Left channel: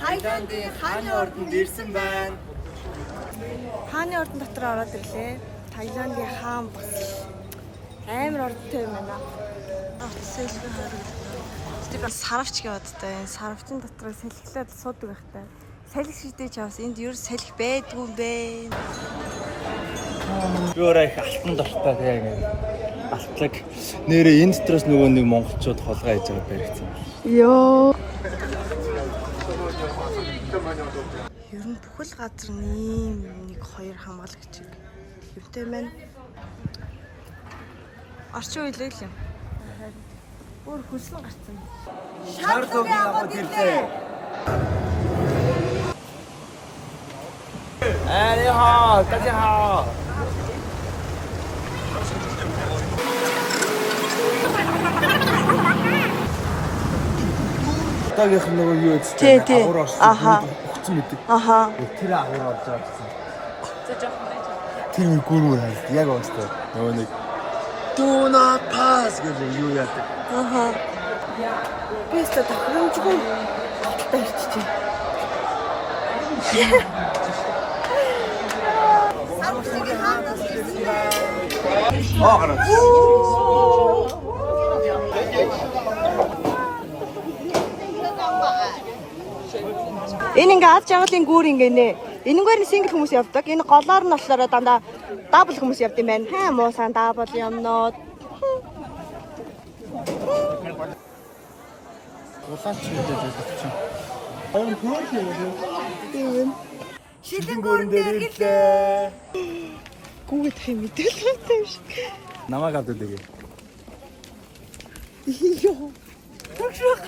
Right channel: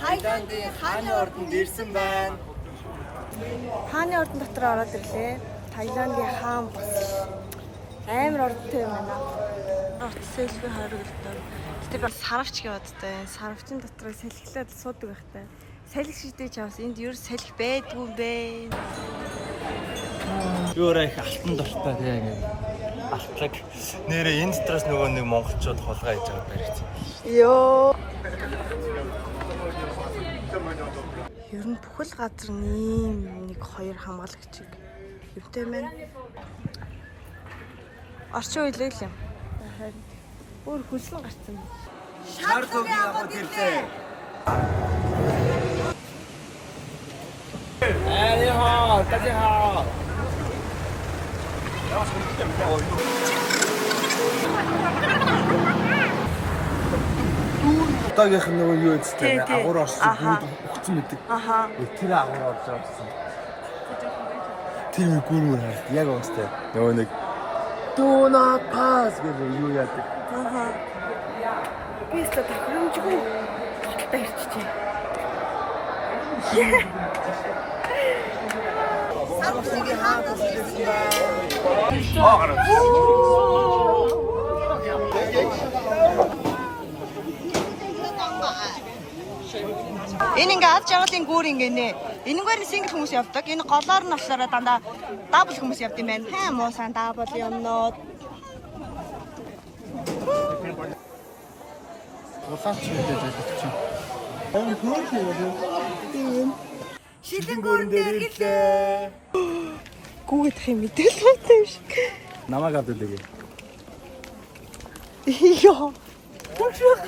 Тайландын хааны ордонд ирсэн байна. Хааны ордон дотор ороод ирлээ. Тайландын хаан бас амар ордтой юм байна. Селфи хариултаа. Гэтэ би сарвч гэваад та энэ сарвчын дотор салхилаад суудаг байхтай. Салхи шидэж авс энд юу салхи байдгүй юм бэ? Юураа их алтан дортой тэгээ ингэ. Алтлаг. Нэрээ энэ дотроос нөгөө нэг монголчууд холгоо хийж байгаа баригдсан. Йоо. Ер нь бүхэл газар нэм нэг хоёр хамгаалагчиг юутай байна. Орчин үеийг л юм. Харин бүр хөлсөн гарцсан. Шар зургийн аваад ирлээ. Ариха, тахиха. Тагийнх нь нөгөө юу гэдэг вэ? Агуур орсон өгцөн мэдэг. Аха. Тэр агуур орж байгаа гэсэн. Тэр гүрүү хайс. Яг уустай. Нөгөө нэг Do not pass гэж юу яадаг. Аха. Би ч тохиромжгүй та ирчихээ. Сарвчгийн хаанаас ирсэн байна. Аа. Энэ ингээ ад жаргалын гүүр ингээ нэ. Энэгээр нь сингл хүмүүс явдаг. Энэ голоор нь болохоор дандаа дабл хүмүүс явд юм байна. Хаа муусан дабл юмнууд. Улаан чимдээ зөвчөн. Аян хөөх юм. Шилэн гүүрэн дээр ирлээ. Гүүгдэх юм мэдээл байна юм шиг. Намайг авд үлээе. Йоо. Түгшөх.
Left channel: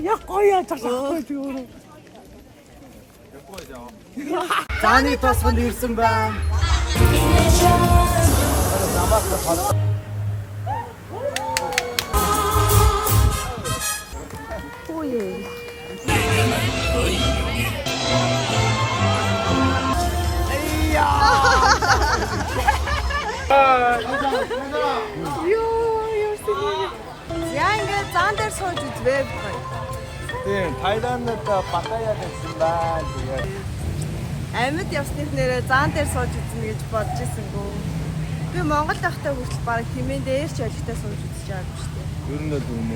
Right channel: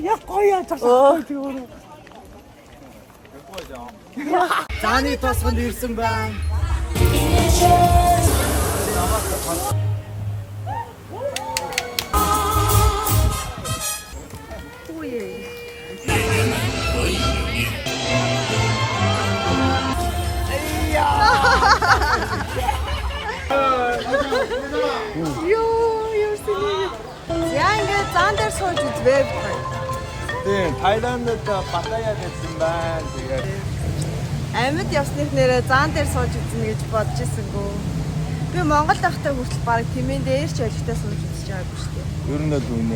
Яг гоё яцгаа зүгээр. Зааны тосгонд ирсэн байна. Ой. Юу сэлээ. Яа ингээ зан дээр сууж үзвээ бай. Тийм, Тайландд Паттаяд ирсэн байна. Тэгээд Амьд явсных нэрээ зан дээр сууж үзнэ гэж бодож ирсэнгүү. Би Монгол байхдаа хүртэл баг тэмээн дээр ч олигтой сууж үзэж байгаагүй шүү дээ. ер нь л үнэ.